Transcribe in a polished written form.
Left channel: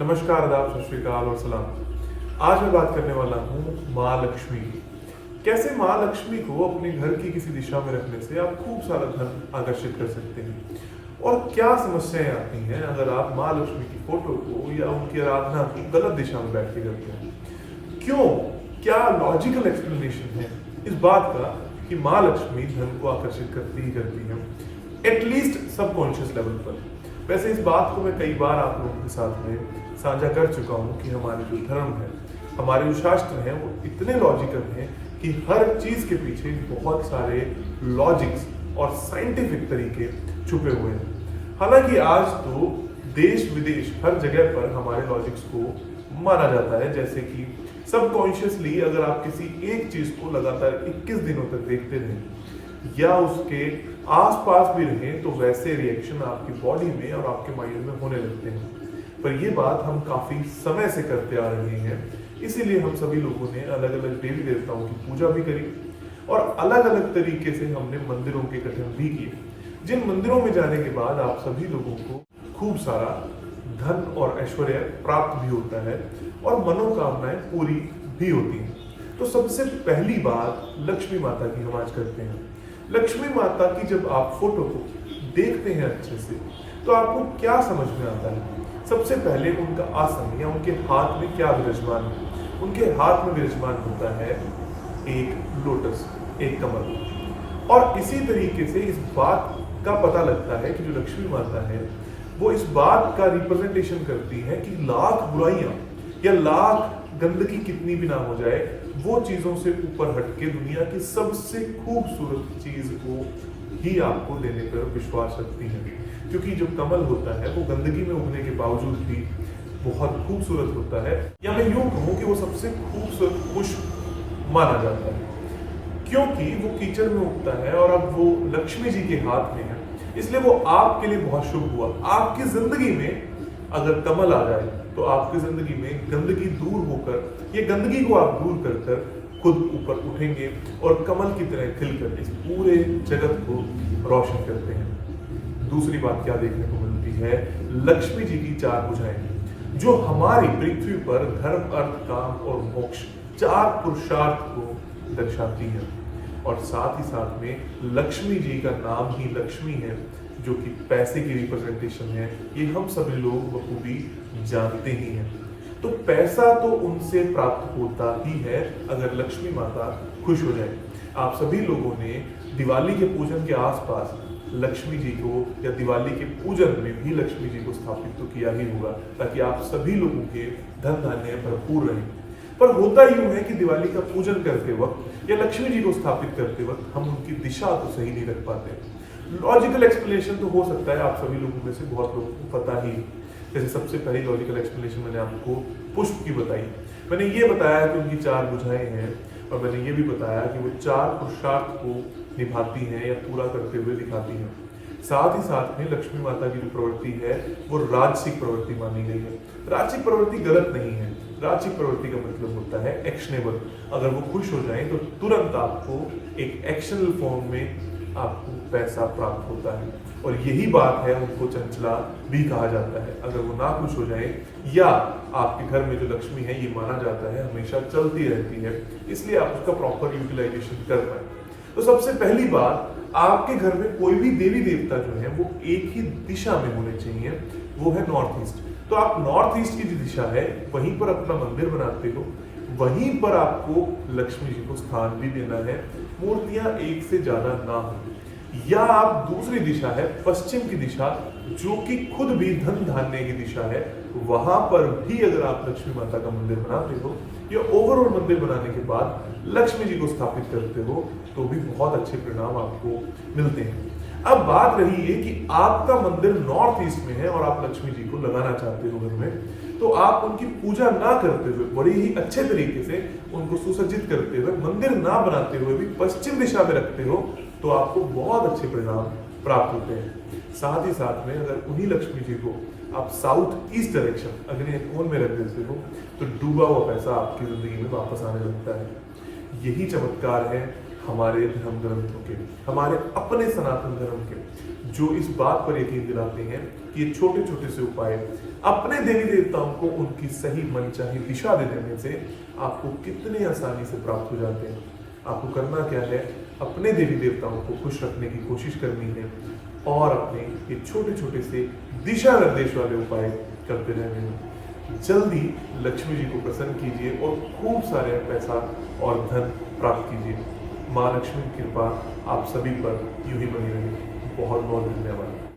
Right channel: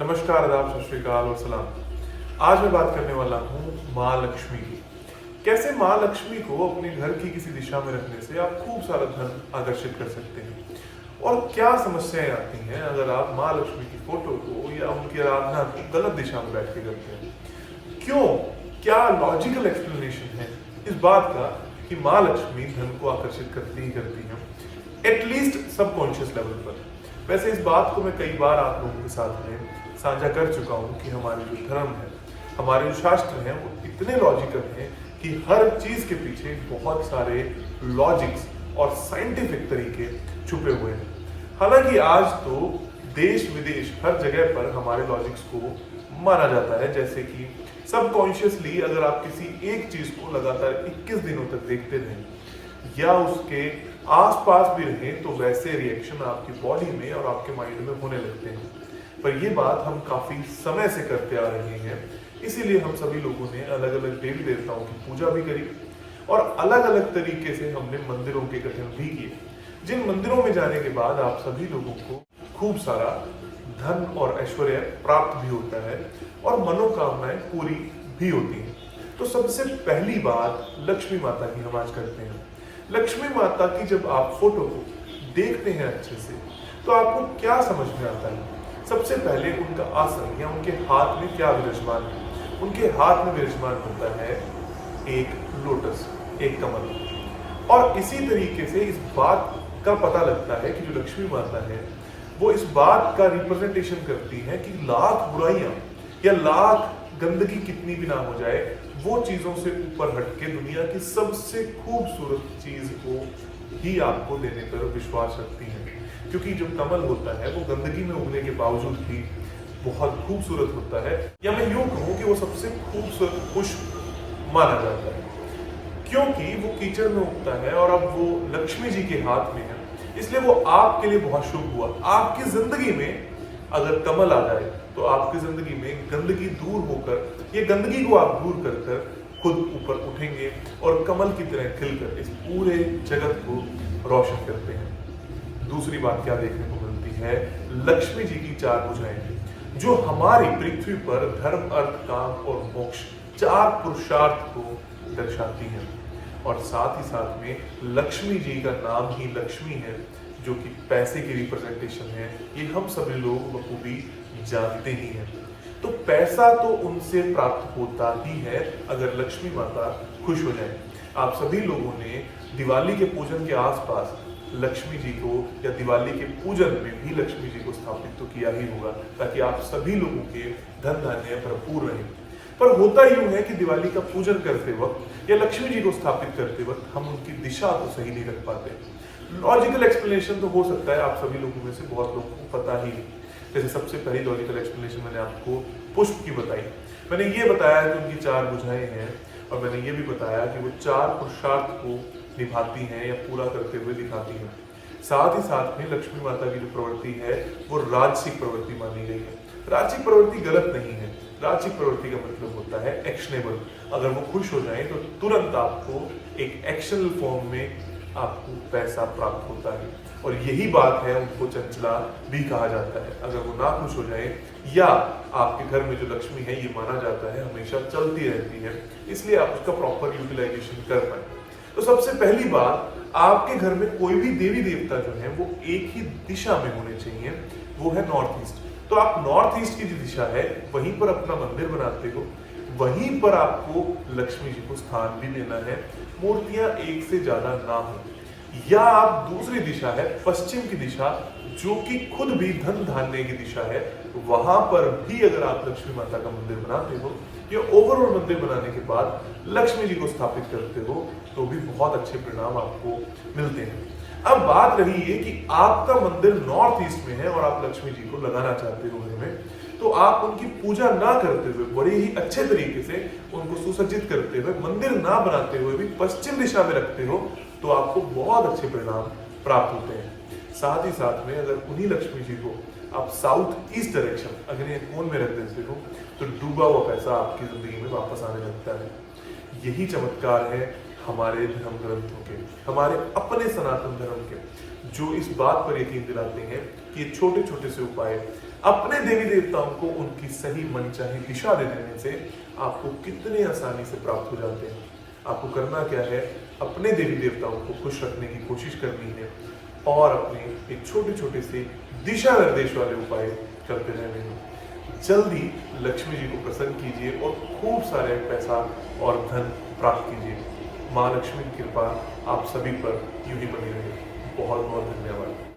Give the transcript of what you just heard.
नमस्कार, आदाब, सत श्री अकाल और सलाम। आज मैं बात करने वाला हूँ माँ लक्ष्मी की। कैसे माँ लक्ष्मी को अपने घर की किसी दिशा में रखने से आप खूब सारा धन आकर्षित कर सकते हैं, और क्या समस्याएं आती हैं अगर आप माँ लक्ष्मी की फोटो को या उनकी आराधना को गलत दिशा में बैठ के करते हैं। क्यों, क्या लॉजिकल एक्सप्लेनेशन है इस बात का कि माँ लक्ष्मी धन को आकर्षित करती है, एटलीस्ट सबकॉन्शियस लेवल पर। वैसे इस बात को मैं कई बार आप लोगों के साथ में साझा कर चुका हूं कि हमारे जो धर्म है, हमारे जो शास्त्र हैं, वो इतने लॉजिकल हैं कि हर चीज के पीछे बहुत सारे लॉजिक्स और साइंटिफिक तरीके छुपे हुए हैं। हालांकि आज तो देश विदेश हर जगह पर हमारे लॉजिक्स को माना जाता है, जैसे कि सबकॉन्शियसली अगर आप किसी एक चीज को लगातार 21 दिनों तक देखते रहें या उसके आसपास भी रहें तो वैसे रिएक्शन आपकी बॉडी में और आपके माइंड में होने लगते हैं। पर ये बात हम काफी समय से करते आ रहे हैं, इसीलिए हम सभी लोगों ने अलग अलग देवी देवताओं की पूजा भी करी और अलग अलग तरीके से हमने मंदिरों के गठन भी किए, जिन मंदिरों में जाने के बाद आप सभी लोगों को खूब सारा धन और ऐश्वर्य प्राप्त भी होता है और मनोकामनाएं पूरी भी होती हैं। तो सबसे पहली बात लक्ष्मी माता की हम आज करते हैं। लक्ष्मी माता की जब आप फोटो को देखते हैं अच्छे से तो आपको क्या समझ में आता है? सबसे पहले उनका आसन या उनके हाथ में क्या विराजमान है? उनके हाथ में विराजमान होता है एक लोटस, एक कमल। और इसी तरीके से इस बात का पता लगता है कि जो लक्ष्मी माता है वो इस बात का रिप्रेजेंटेशन करती है कि लाख बुराइयां या लाख गंदगी कितनी भी ना हो जाए, वो चीजों से ऊपर हटके दुनिया की सबसे खूबसूरत चीज को ही आपको देने पर विश्वास रखती है। क्योंकि जो कमल होता है वो गंदगी में उगने के बावजूद भी बहुत खूबसूरत होता है, या मैं यूं कहूं कि वो सबसे खूबसूरत पुष्प माना जाता है क्योंकि वो कीचड़ में उगता है और अब वो लक्ष्मी जी के हाथ में है, इसलिए वो आपके लिए बहुत शुभ हुआ। आपकी जिंदगी में अगर कमल आ जाए तो आपकी जिंदगी में गंदगी दूर होकर, ये गंदगी को आप दूर कर कर खुद ऊपर उठेंगे और कमल की तरह खिलकर इस पूरे जगत को रोशन करते हैं। दूसरी बात क्या देखने को मिलती है? लक्ष्मी जी की चार भुजाएं जो हमारी पृथ्वी पर धर्म, अर्थ, काम और मोक्ष चार पुरुषार्थ को दर्शाती हैं। और साथ ही साथ में लक्ष्मी जी का नाम ही लक्ष्मी है, जो कि पैसे की रिप्रेजेंटेशन है। ये हम सभी लोग बखूबी जानते ही हैं। तो पैसा तो उनसे प्राप्त होता ही है अगर लक्ष्मी माता खुश हो जाए। आप सभी लोगों ने दिवाली के पूजन के आसपास लक्ष्मी जी को या दिवाली के पूजन में भी लक्ष्मी जी को स्थापित तो किया ही होगा, ताकि आप सभी लोगों के धन धान्य भरपूर रहें। पर होता यूं है कि दिवाली का पूजन करते वक्त या लक्ष्मी जी को स्थापित करते वक्त हम उनकी दिशा तो सही नहीं रख पाते। लॉजिकल एक्सप्लेनेशन तो हो सकता है आप सभी लोगों में से बहुत लोगों को पता ही है। जैसे सबसे पहली लॉजिकल एक्सप्लेनेशन मैंने आपको पुष्प की बताई। मैंने ये बताया कि उनकी चार भुजाएं हैं, और मैंने ये भी बताया कि वो चार पुरुषार्थ को निभाती हैं या पूरा करते हुए दिखाती हैं। साथ ही साथ में लक्ष्मी माता की जो प्रवृत्ति है वो राजसिक प्रवृत्ति मानी गई है। राजसिक प्रवृत्ति गलत नहीं है। राजसिक प्रवृत्ति का मतलब होता है एक्शनेबल। अगर वो खुश हो जाए तो तुरंत आपको एक एक्शनल फॉर्म में आपको पैसा प्राप्त होता है, और यही बात है उनको चंचला भी कहा जाता है। अगर वो ना खुश हो जाए, या आपके घर में जो लक्ष्मी है ये माना जाता है हमेशा चलती रहती है, इसलिए आप उसका प्रॉपर यूटिलाइजेशन कर पाए। तो सबसे पहली बात, आपके घर में कोई भी देवी देवता जो है वो एक ही दिशा में होने चाहिए, वो है नॉर्थ ईस्ट। तो आप नॉर्थ ईस्ट की जो दिशा है वहीं पर अपना मंदिर बनाते हो, वहीं पर आपको लक्ष्मी जी को स्थान भी देना है। मूर्तियां एक से ज्यादा ना हो। या आप दूसरी दिशा है पश्चिम की दिशा, जो कि खुद भी धन धान्य की दिशा है, वहां पर भी अगर आप लक्ष्मी माता का मंदिर बनाते हो या ओवरऑल मंदिर बनाने के बाद लक्ष्मी जी को स्थापित करते हो तो भी बहुत अच्छे परिणाम आपको मिलते हैं। अब बात रही है कि आपका मंदिर नॉर्थ ईस्ट में है और आप लक्ष्मी जी को लगाना चाहते हो घर में, तो आप उनकी पूजा ना करते हुए बड़े ही अच्छे तरीके से उनको सुसज्जित करते हुए, मंदिर ना बनाते हुए भी पश्चिम दिशा में रखते हो तो आपको बहुत अच्छे परिणाम प्राप्त होते हैं। साथ ही साथ में अगर उन्हीं लक्ष्मी जी को आप साउथ ईस्ट डायरेक्शन अग्नि कोण में रख देते हो तो डूबा हुआ पैसा आपकी जिंदगी में वापस आने लगता है। यही चमत्कार है हमारे धर्म ग्रंथों के, हमारे अपने सनातन धर्म के, जो इस बात पर यकीन दिलाते हैं कि ये छोटे छोटे से उपाय अपने देवी देवताओं को उनकी सही मनचाही दिशा दे देने से आपको कितने आसानी से प्राप्त हो जाते हैं। आपको करना क्या है, अपने देवी देवताओं को खुश रखने की कोशिश करनी है और अपने ये छोटे छोटे से दिशा निर्देश वाले उपाय करते रहने हैं। जल्दी लक्ष्मी जी को प्रसन्न कीजिए और खूब सारे पैसा और धन प्राप्त कीजिए। माँ लक्ष्मी की कृपा आप सभी पर यूं ही बनी रहे। बहुत बहुत धन्यवाद।